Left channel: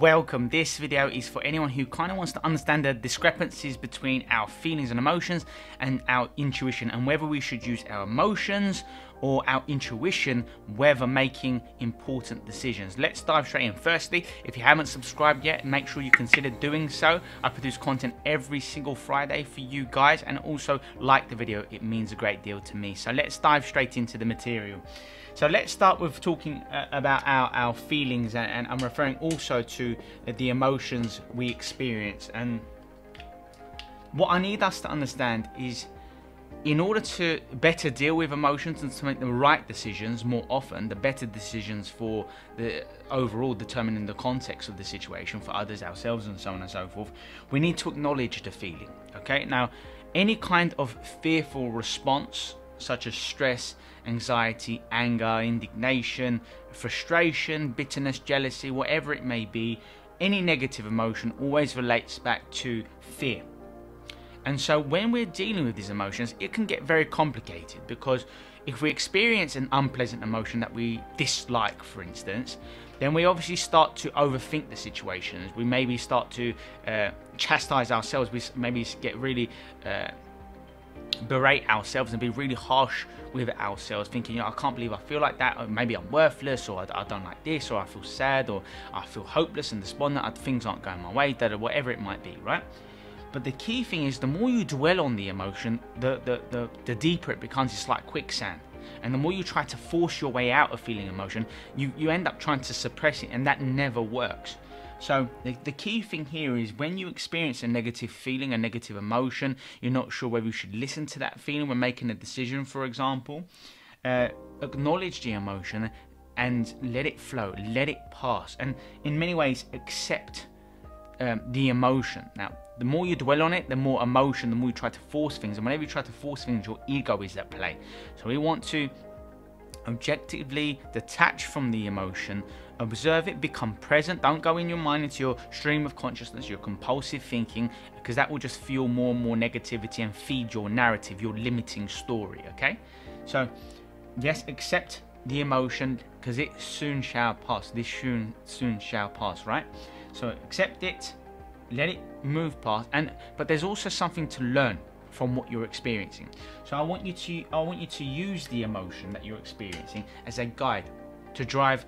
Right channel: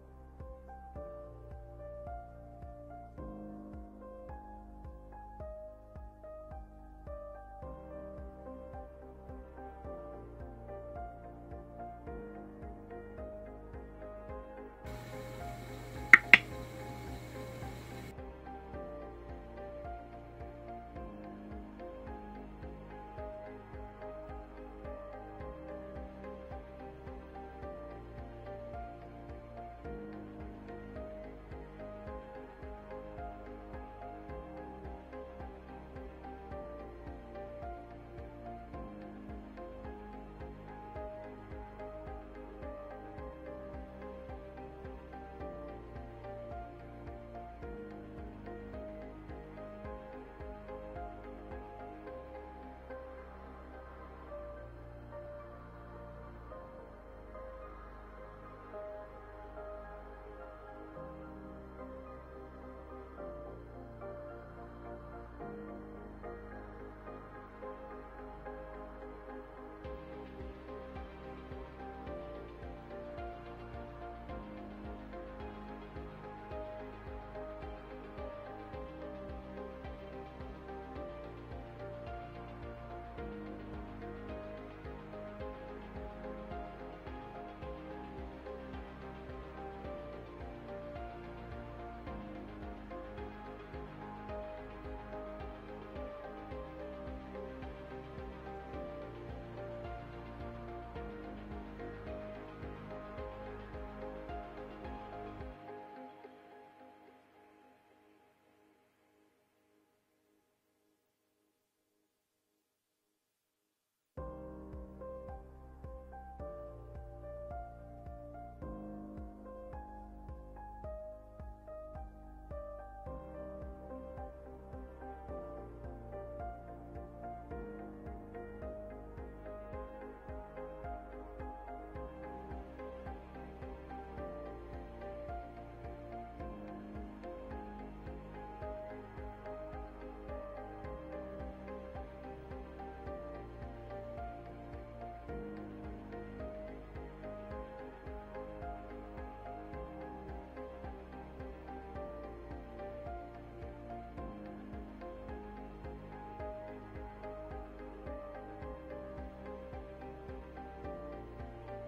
welcome. This video is for anyone who kind of wants to understand the discrepancies between our feelings and emotions and our intuition, and whether we should use our emotions or our intuition whether making important decisions. Let's dive straight in. Firstly, if you haven't subscribed yet, make sure you consider doing so. I produce content every single Friday for you guys, and also like the video, it means a great deal to me. So let's dive straight into the material. So let's start with talking about our feelings, and I'm referring also to the emotions we experience. And what I need us to understand is, in order to better deal with emotions and to make the right decisions more often, the better decisions for the overall determining the context of the situation for others, ourselves, and so on and so forth, we need to acknowledge the feeling. Okay, now any kind of fearful response, such as stress, anxiety, anger, indignation, frustration, bitterness, jealousy, whatever it may be, any negative emotion always relates back to fear. And so when we're dealing with these emotions, it can get very complicated, because if we experience an unpleasant emotion that we dislike, for instance, then we obviously start to overthink the situation. We maybe start to chastise ourselves. We maybe get really berate ourselves and be really harsh with ourselves, thinking, I can't believe I feel like that, or maybe I'm worthless, or I don't like this, or I feel sad, or I feel hopeless and despondent, things aren't going my way, whatever it might be, right? But the key thing is, the more you dwell on the emotion, the deeper it becomes. It's like quicksand. And the more you try to force your way out of feeling emotion, you end up trying to suppress it, and that never works. So the key thing here is, when you experience a negative feeling, a negative emotion, you're not sure whether you should listen to that feeling when making a decision, for example, acknowledge the emotion and let it flow, let it pass, and in many ways accept the emotion. Now, the more you dwell on it, the more emotion, the more you try to force things, and whenever you try to force things, your ego is at play. So we want to objectively detach from the emotion, observe it, become present. Don't go in your mind into your stream of consciousness, your compulsive thinking, because that will just fuel more and more negativity and feed your narrative, your limiting story. Okay, so yes, accept the emotion, because it soon shall pass. This soon shall pass, right? So accept it, let it move past, but there's also something to learn from what you're experiencing. So I want you to use the emotion that you're experiencing as a guide to drive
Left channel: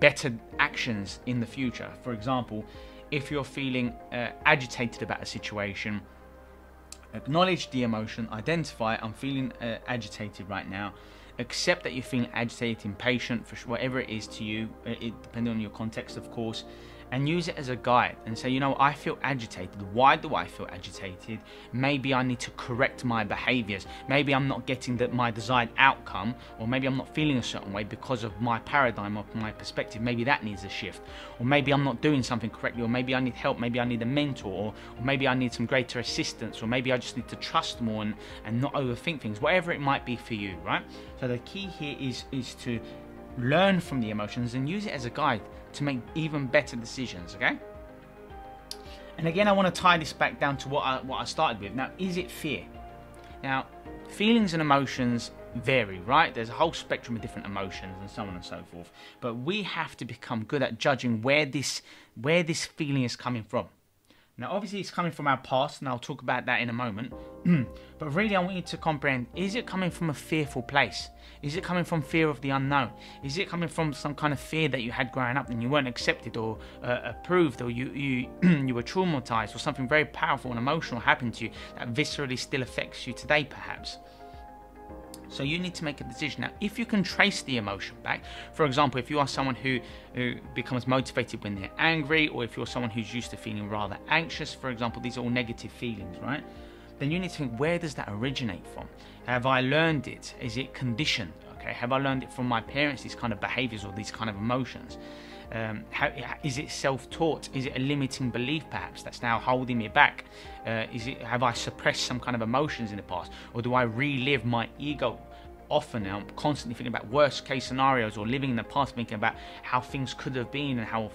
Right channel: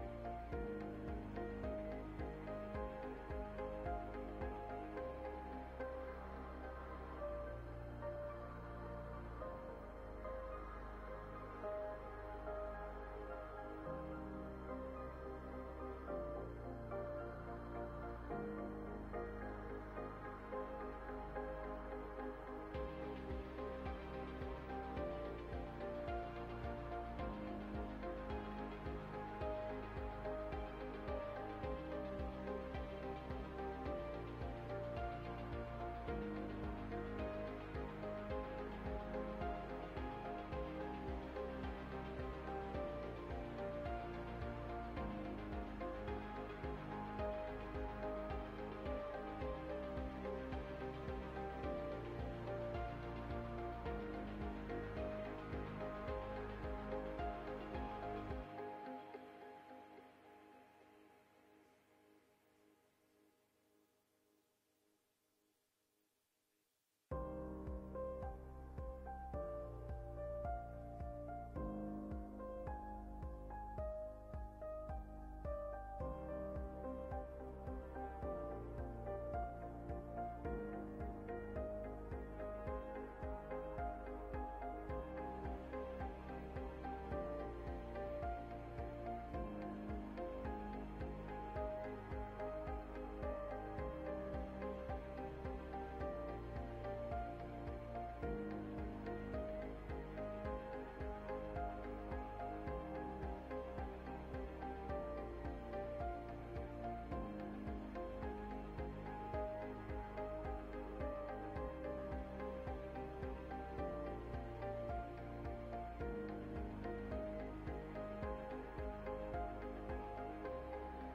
better actions in the future. For example, if you're feeling agitated about a situation, acknowledge the emotion, identify, I'm feeling agitated right now. Accept that you're feeling agitated, impatient, for whatever it is to you, depending on your context, of course, and use it as a guide and say, I feel agitated. Why do I feel agitated? Maybe I need to correct my behaviors. Maybe I'm not getting my desired outcome, or maybe I'm not feeling a certain way because of my paradigm or my perspective. Maybe that needs a shift, or maybe I'm not doing something correctly, or maybe I need help, maybe I need a mentor, or maybe I need some greater assistance, or maybe I just need to trust more and not overthink things, whatever it might be for you, right? So the key here is to learn from the emotions and use it as a guide to make even better decisions. Okay, and again, I want to tie this back down to what I started with. Now, is it fear? Now, feelings and emotions vary, right? There's a whole spectrum of different emotions and so on and so forth, but we have to become good at judging where this feeling is coming from. Now, obviously, it's coming from our past, and I'll talk about that in a moment. But really, I want you to comprehend, is it coming from a fearful place? Is it coming from fear of the unknown? Is it coming from some kind of fear that you had growing up and you weren't accepted or approved, or you were traumatized, or something very powerful and emotional happened to you that viscerally still affects you today, perhaps? So you need to make a decision. Now, if you can trace the emotion back, for example, if you are someone who becomes motivated when they're angry, or if you're someone who's used to feeling rather anxious, for example, these are all negative feelings, right? Then you need to think, where does that originate from? Have I learned it? Is it conditioned? Okay, have I learned it from my parents, these kind of behaviors or these kind of emotions? Is it self-taught? Is it a limiting belief perhaps that's now holding me back? Have I suppressed some kind of emotions in the past, or do I relive my ego often now, constantly thinking about worst case scenarios, or living in the past thinking about how things could have been and how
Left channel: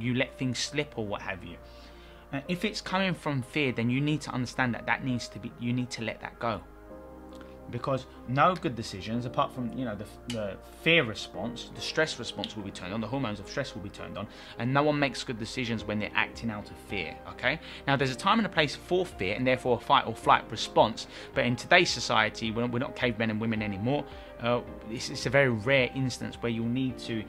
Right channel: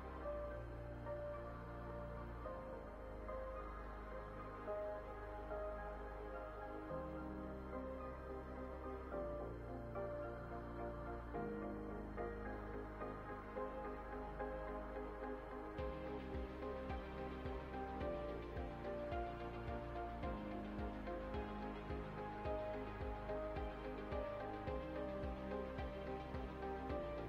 you let things slip or what have you? If it's coming from fear, then you need to understand that you need to let that go. because no good decisions, apart from, you know, the fear response, the stress response will be turned on, the hormones of stress will be turned on, and no one makes good decisions when they're acting out of fear. Okay, now there's a time and a place for fear, and therefore a fight or flight response, but in today's society, we're not cavemen and women anymore. It's a very rare instance where you'll need to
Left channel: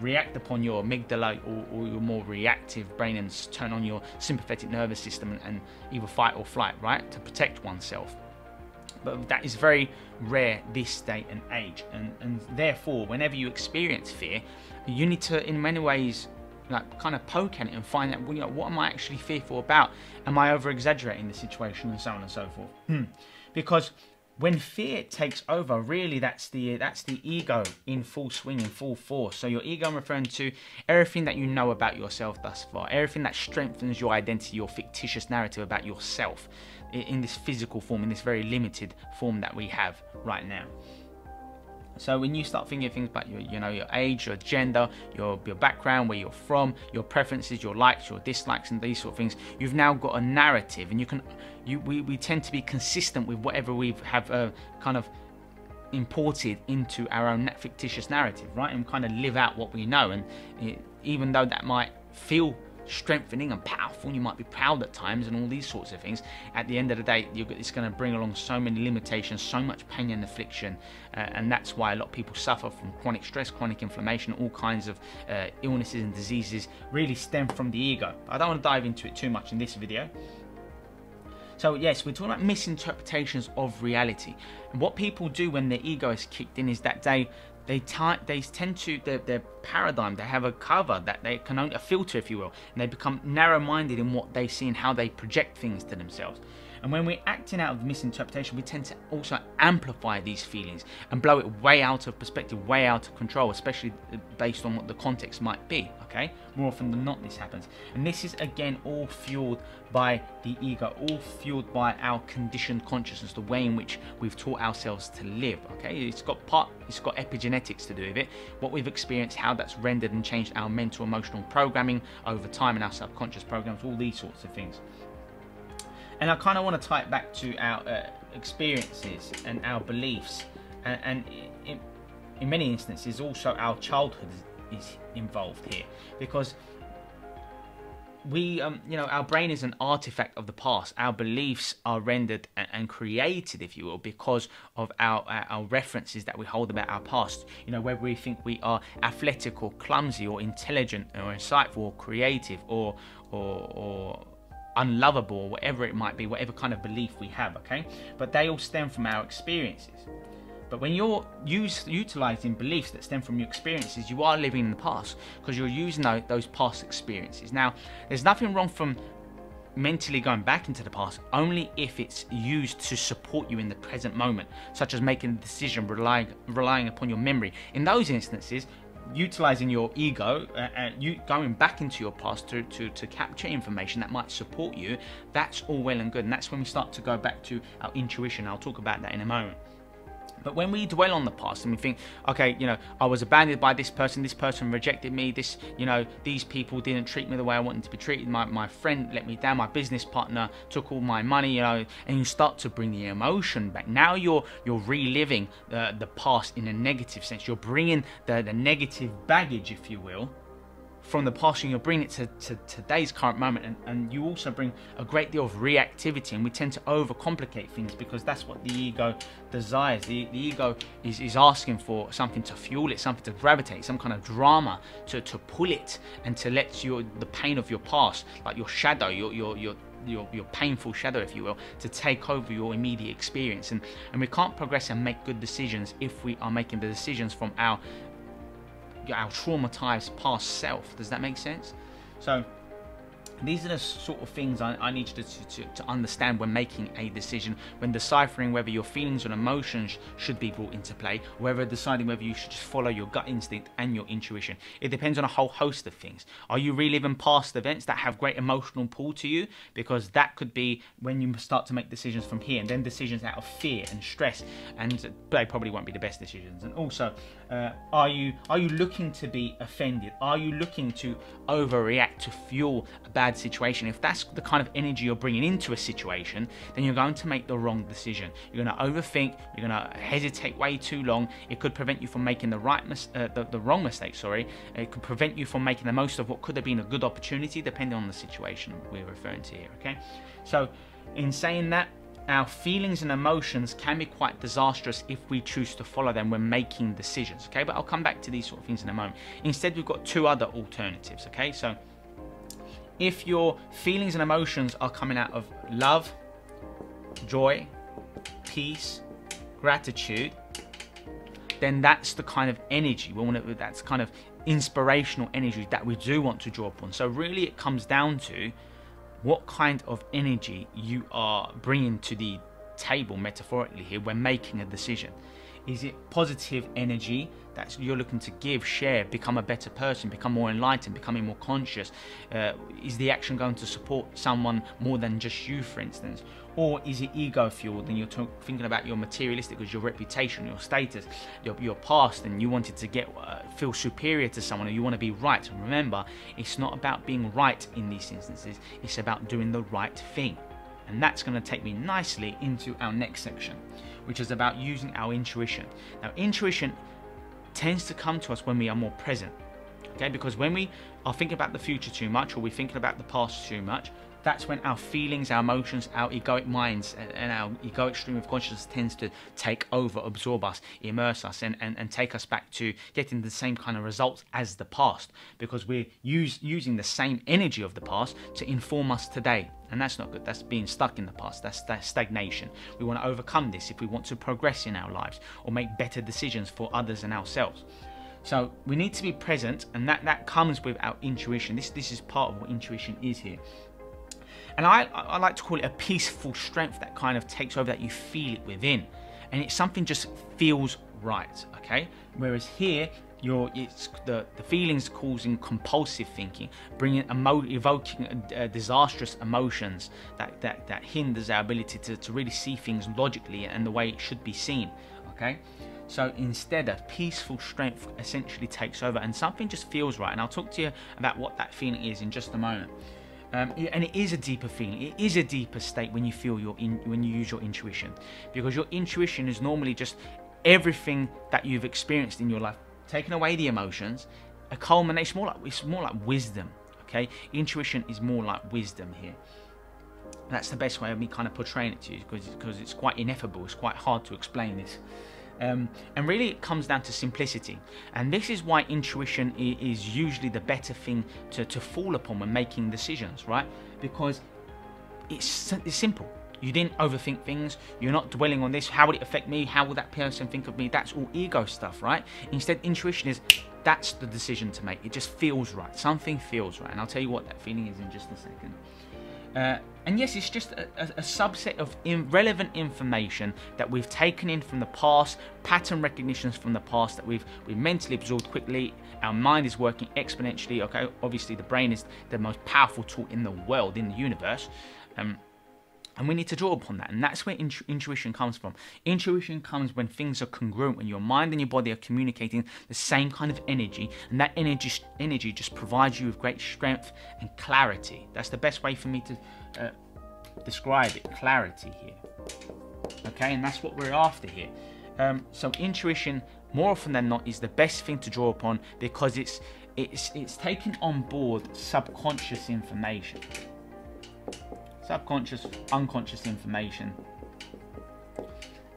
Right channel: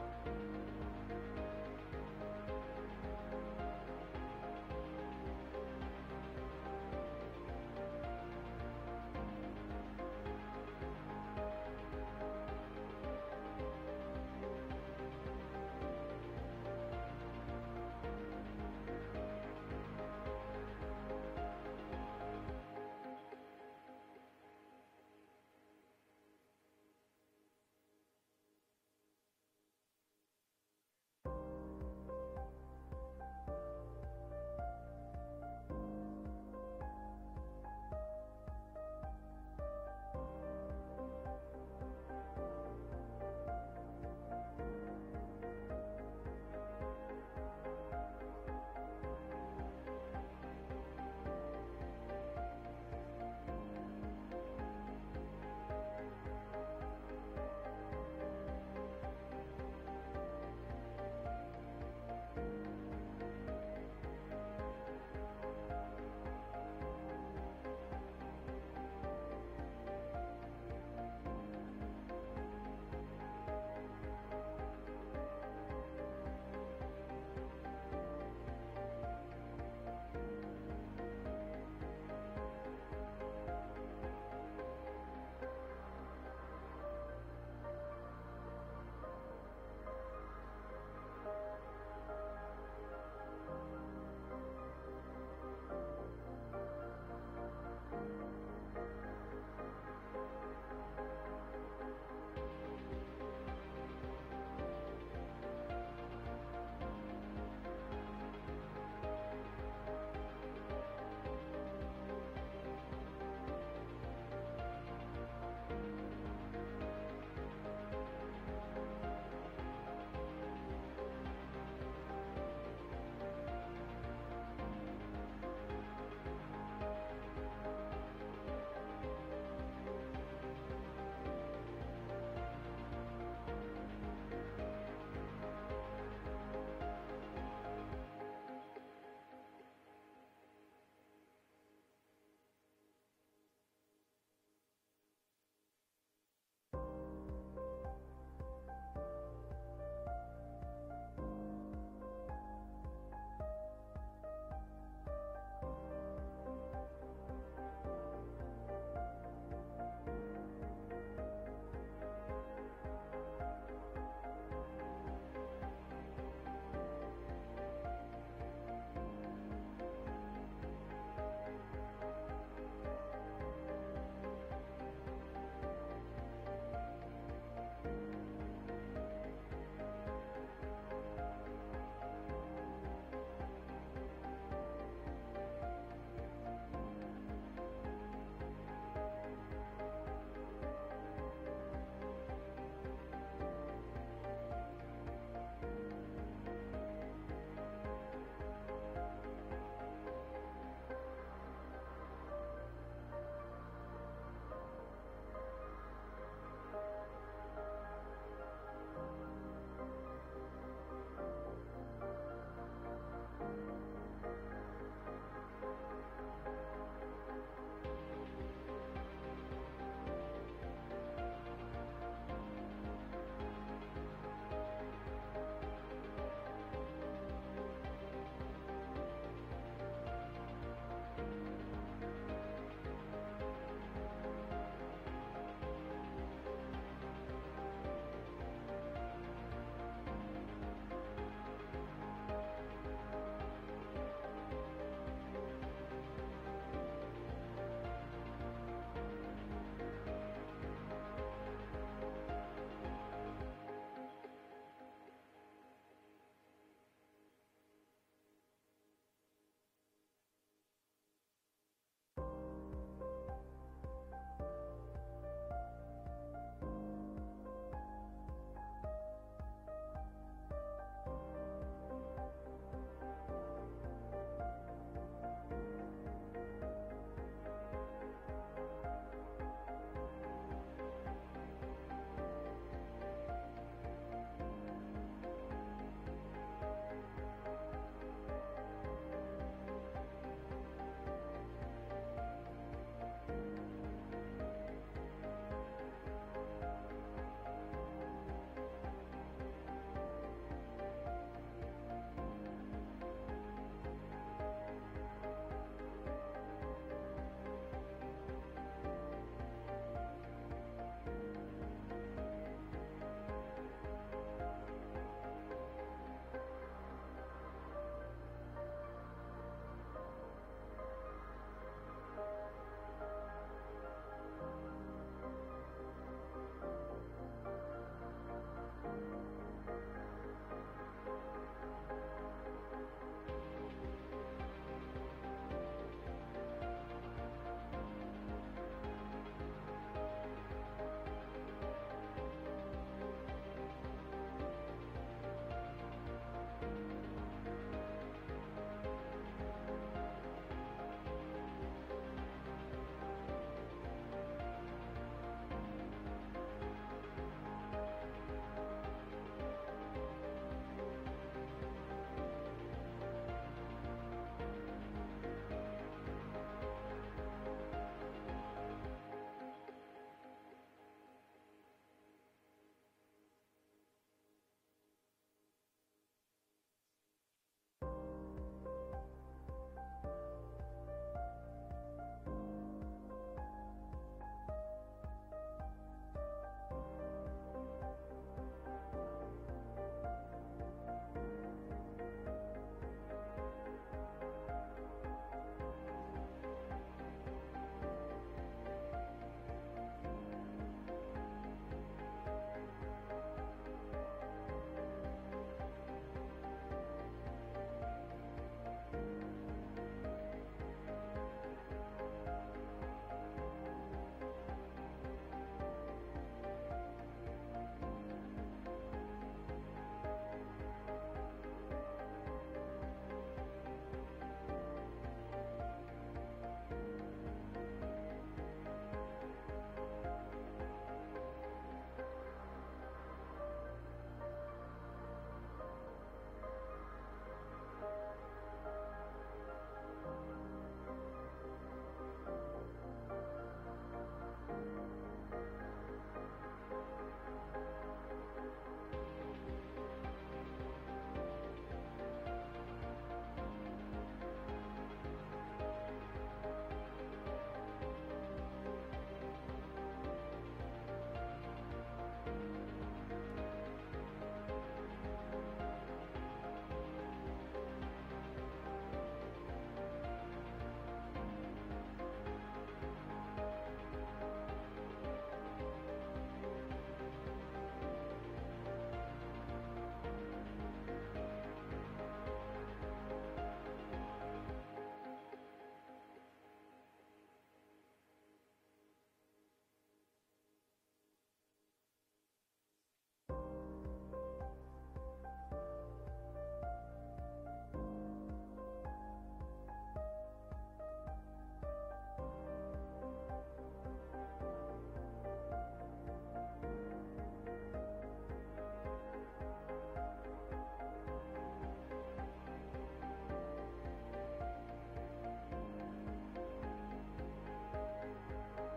react upon your amygdala or your more reactive brain and turn on your sympathetic nervous system and either fight or flight, right, to protect oneself. But that is very rare this day and age, and therefore whenever you experience fear, you need to, in many ways, like kind of poke at it and find out, well, you know, what am I actually fearful about? Am I over exaggerating the situation, and so on and so forth? Because when fear takes over, really that's the ego in full swing, in full force. So your ego, I'm referring to everything that you know about yourself thus far, everything that strengthens your identity, your fictitious narrative about yourself in this physical form, in this very limited form that we have right now. So when you start thinking things about your age, your gender, your background, where you're from, your preferences, your likes, your dislikes, and these sort of things, you've now got a narrative, and we tend to be consistent with whatever we have kind of imported into our own fictitious narrative, right? And kind of live out what we know. And even though that might feel strengthening and powerful, you might be proud at times and all these sorts of things, at the end of the day it's going to bring along so many limitations, so much pain and affliction, and that's why a lot of people suffer from chronic stress, chronic inflammation, all kinds of illnesses and diseases really stem from the ego. I don't want to dive into it too much in this video. So yes, we're talking about misinterpretations of reality, and what people do when their ego is kicked in is that they tend to, their paradigm, they have a cover that they can only, a filter if you will, and they become narrow-minded in what they see and how they project things to themselves. And when we're acting out of misinterpretation, we tend to also amplify these feelings and blow it way out of perspective, way out of control, especially based on what the context might be, okay? More often than not this happens. And this is again all fueled by the ego, all fueled by our conditioned consciousness, the way in which we've taught ourselves to live, okay? It's got epigenetics to do with it, what we've experienced, how that's rendered and changed our mental emotional programming over time, and our subconscious programs, all these sorts of things. And I kind of want to tie it back to our experiences and our beliefs, and in many instances also our childhood is involved here, because we, our brain is an artifact of the past. Our beliefs are rendered and created, if you will, because of our references that we hold about our past. You know, whether we think we are athletic or clumsy or intelligent or insightful or creative or unlovable, or whatever it might be, whatever kind of belief we have, okay? But they all stem from our experiences. But when you're utilizing beliefs that stem from your experiences, you are living in the past, because you're using those past experiences. Now, there's nothing wrong from mentally going back into the past, only if it's used to support you in the present moment, such as making a decision relying upon your memory. In those instances, utilizing your ego and you going back into your past to capture information that might support you, that's all well and good, and that's when we start to go back to our intuition. I'll talk about that in a moment. But when we dwell on the past and we think, okay, I was abandoned by this person rejected me, these people didn't treat me the way I wanted to be treated, my friend let me down, my business partner took all my money, and you start to bring the emotion back. Now you're reliving the past in a negative sense. You're bringing the negative baggage, if you will, from the past, and you're bringing it to today's current moment, and you also bring a great deal of reactivity, and we tend to overcomplicate things because that's what the ego desires. The ego is asking for something to fuel it, something to gravitate, some kind of drama to pull it and to let the pain of your past, like your shadow, your painful shadow, if you will, to take over your immediate experience. And we can't progress and make good decisions if we are making the decisions from our traumatized past self. Does that make sense? So these are the sort of things I need you to understand when making a decision, when deciphering whether your feelings and emotions should be brought into play, whether deciding whether you should just follow your gut instinct and your intuition. It depends on a whole host of things. Are you reliving past events that have great emotional pull to you? Because that could be when you start to make decisions from here, and then decisions out of fear and stress, and they probably won't be the best decisions. And also, are you looking to be offended? Are you looking to overreact to fuel a bad bad situation, if that's the kind of energy you're bringing into a situation, then you're going to make the wrong decision. You're going to overthink, you're going to hesitate way too long. It could prevent you from making the wrong mistake, sorry. It could prevent you from making the most of what could have been a good opportunity, depending on the situation we're referring to here, okay? So in saying that, our feelings and emotions can be quite disastrous if we choose to follow them when making decisions, okay? But I'll come back to these sort of things in a moment. Instead, we've got two other alternatives, okay? So if your feelings and emotions are coming out of love, joy, peace, gratitude, then that's the kind of energy that's kind of inspirational energy that we do want to draw upon. So really it comes down to what kind of energy you are bringing to the table, metaphorically here, when making a decision. Is it positive energy that you're looking to give, share, become a better person, become more enlightened, becoming more conscious? Is the action going to support someone more than just you, for instance? Or is it ego fueled and you're thinking about your materialistic, because your reputation, your status, your past, and you wanted to feel superior to someone, or you want to be right? And remember, it's not about being right in these instances, it's about doing the right thing. And that's going to take me nicely into our next section, which is about using our intuition. Now, intuition tends to come to us when we are more present, okay? Because when we are thinking about the future too much, or we're thinking about the past too much, that's when our feelings, our emotions, our egoic minds, and our egoic stream of consciousness tends to take over, absorb us, immerse us, and take us back to getting the same kind of results as the past, because we're using the same energy of the past to inform us today. And that's not good. That's being stuck in the past. That's stagnation. We want to overcome this if we want to progress in our lives or make better decisions for others and ourselves. So we need to be present, and that comes with our intuition. This is part of what intuition is here. And I like to call it a peaceful strength that kind of takes over, that you feel it within. And it's something just feels right, okay? Whereas here, it's the feelings causing compulsive thinking, evoking disastrous emotions that hinders our ability to really see things logically and the way it should be seen, okay? So instead, a peaceful strength essentially takes over, and something just feels right. And I'll talk to you about what that feeling is in just a moment. And it is a deeper feeling. It is a deeper state when you feel when you use your intuition, because your intuition is normally just everything that you've experienced in your life, taking away the emotions, a culmination. It's more like wisdom. Okay, intuition is more like wisdom here. That's the best way of me kind of portraying it to you, because it's quite ineffable. It's quite hard to explain this. And really it comes down to simplicity, and this is why intuition is usually the better thing to fall upon when making decisions, right? Because it's simple. You didn't overthink things. You're not dwelling on this. How will it affect me? How will that person think of me? That's all ego stuff, right? Instead, intuition is, that's the decision to make. It just feels right. Something feels right, and I'll tell you what that feeling is in just a second. And yes, it's just a subset of irrelevant information that we've taken in from the past, pattern recognitions from the past that we've mentally absorbed quickly. Our mind is working exponentially, okay? Obviously, the brain is the most powerful tool in the world, in the universe. And we need to draw upon that. And that's where intuition comes from. Intuition comes when things are congruent, when your mind and your body are communicating the same kind of energy. And that energy just provides you with great strength and clarity. That's the best way for me to describe it, clarity here. Okay, and that's what we're after here. So intuition, more often than not, is the best thing to draw upon, because it's taking on board subconscious information. Subconscious, unconscious information,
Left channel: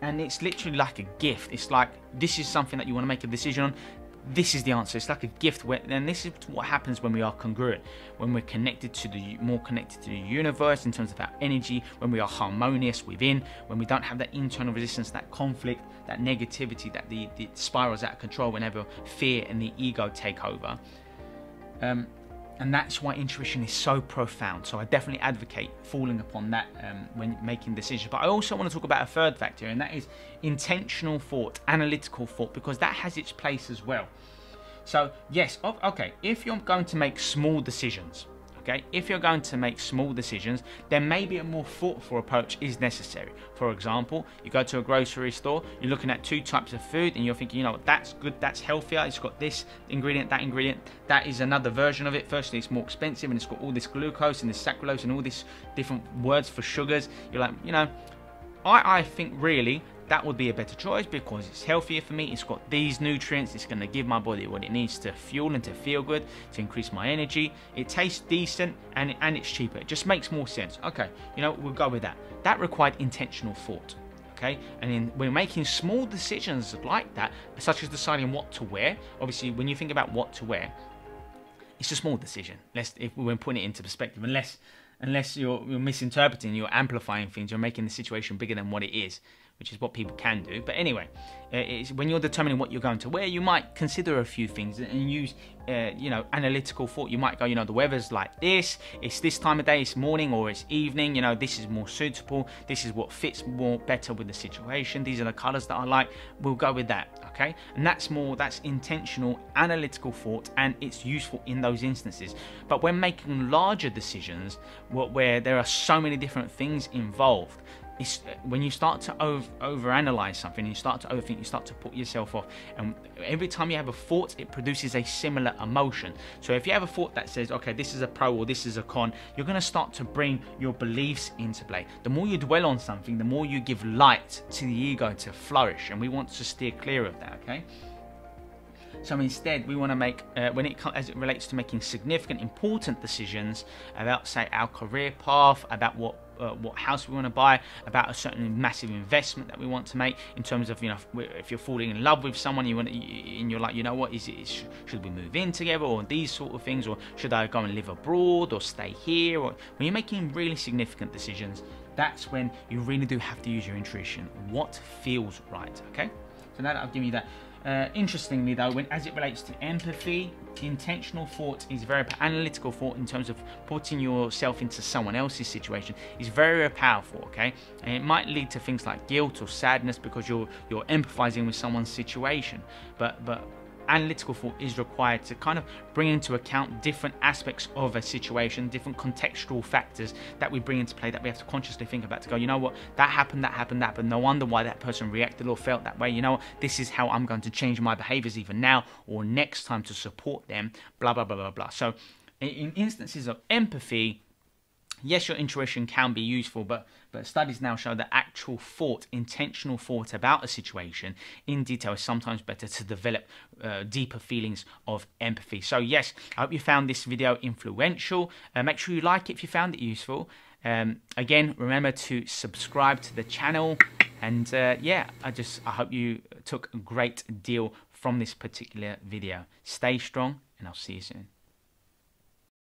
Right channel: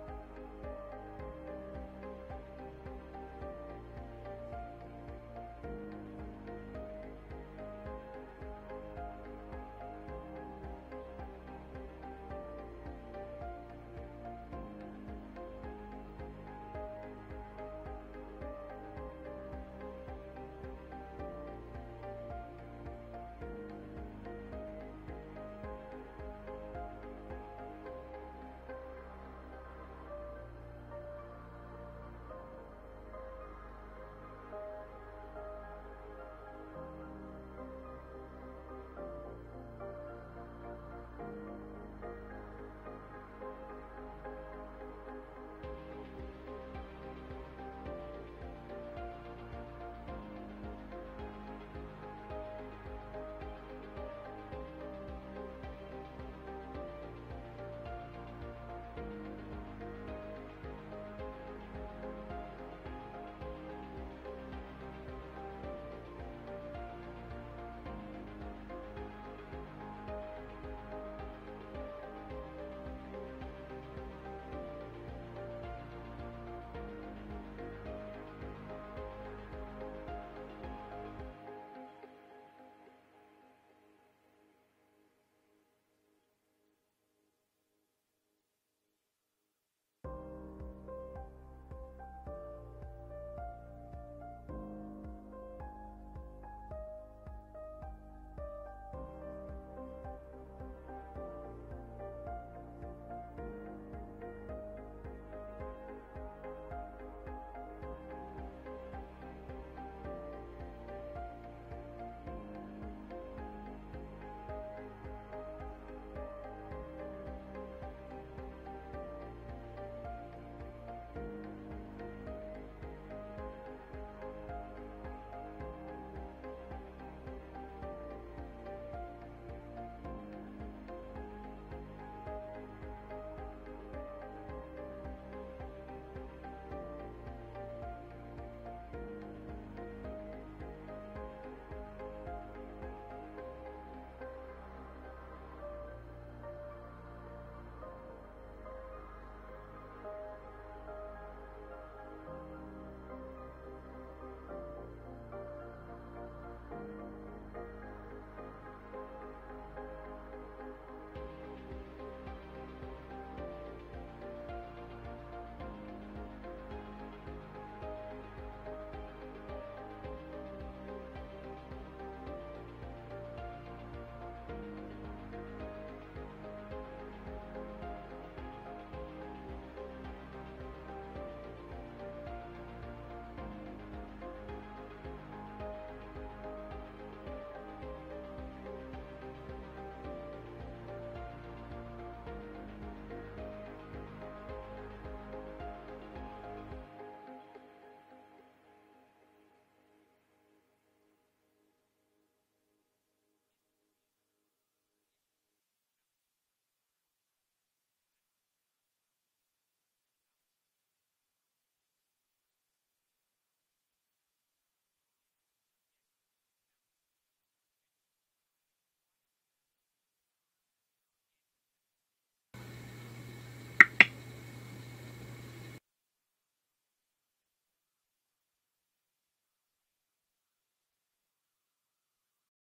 and it's literally like a gift. It's like, this is something that you want to make a decision on. This is the answer. It's like a gift. And this is what happens when we are congruent, when we're more connected to the universe in terms of our energy, when we are harmonious within, when we don't have that internal resistance, that conflict, that negativity, that the spirals out of control whenever fear and the ego take over. And that's why intuition is so profound. So I definitely advocate falling upon that when making decisions. But I also want to talk about a third factor, and that is intentional thought, analytical thought, because that has its place as well. So yes, okay, if you're going to make small decisions, Okay, if you're going to make small decisions, then maybe a more thoughtful approach is necessary. For example, you go to a grocery store, you're looking at 2 types of food and you're thinking, you know, that's good, that's healthier, it's got this ingredient, that is another version of it. Firstly, it's more expensive and it's got all this glucose and this saccharose and all these different words for sugars. You're like, you know, I think really that would be a better choice because it's healthier for me. It's got these nutrients. It's going to give my body what it needs to fuel and to feel good, to increase my energy. It tastes decent and it's cheaper. It just makes more sense. Okay, you know, we'll go with that. That required intentional thought. Okay, and we're making small decisions like that, such as deciding what to wear. Obviously, when you think about what to wear, it's a small decision. If we're putting it into perspective, unless you're misinterpreting, you're amplifying things, you're making the situation bigger than what it is, which is what people can do. But anyway, when you're determining what you're going to wear, you might consider a few things and use, you know, analytical thought. You might go, you know, the weather's like this, it's this time of day, it's morning or it's evening, you know, this is more suitable, this is what fits more better with the situation, these are the colors that I like, we'll go with that, okay? And that's intentional, analytical thought, and it's useful in those instances. But when making larger decisions, where there are so many different things involved, when you start to overanalyze something, you start to overthink, you start to put yourself off, and every time you have a thought, it produces a similar emotion. So if you have a thought that says, okay, this is a pro or this is a con, you're going to start to bring your beliefs into play. The more you dwell on something, the more you give light to the ego to flourish, and we want to steer clear of that, okay? So instead, we want to make, as it relates to making significant, important decisions about, say, our career path, about what house we want to buy, about a certain massive investment that we want to make, in terms of, you know, if you're falling in love with someone, and you're like, you know what, should we move in together, or these sort of things, or should I go and live abroad, or stay here, or when you're making really significant decisions, that's when you really do have to use your intuition. What feels right, okay? So now that I've given you that. Interestingly though, as it relates to empathy, intentional thought is very analytical thought in terms of putting yourself into someone else's situation is very powerful, okay? And it might lead to things like guilt or sadness because you're empathizing with someone's situation, but analytical thought is required to kind of bring into account different aspects of a situation, different contextual factors that we bring into play that we have to consciously think about, to go, you know what, that happened, no wonder why that person reacted or felt that way, you know what, this is how I'm going to change my behaviors either now or next time to support them, blah, blah, blah, blah, blah. So in instances of empathy, yes, your intuition can be useful, but studies now show that actual thought, intentional thought about a situation in detail is sometimes better to develop deeper feelings of empathy. So yes, I hope you found this video influential. Make sure you like it if you found it useful. Again, remember to subscribe to the channel, and yeah, I hope you took a great deal from this particular video. Stay strong, and I'll see you soon.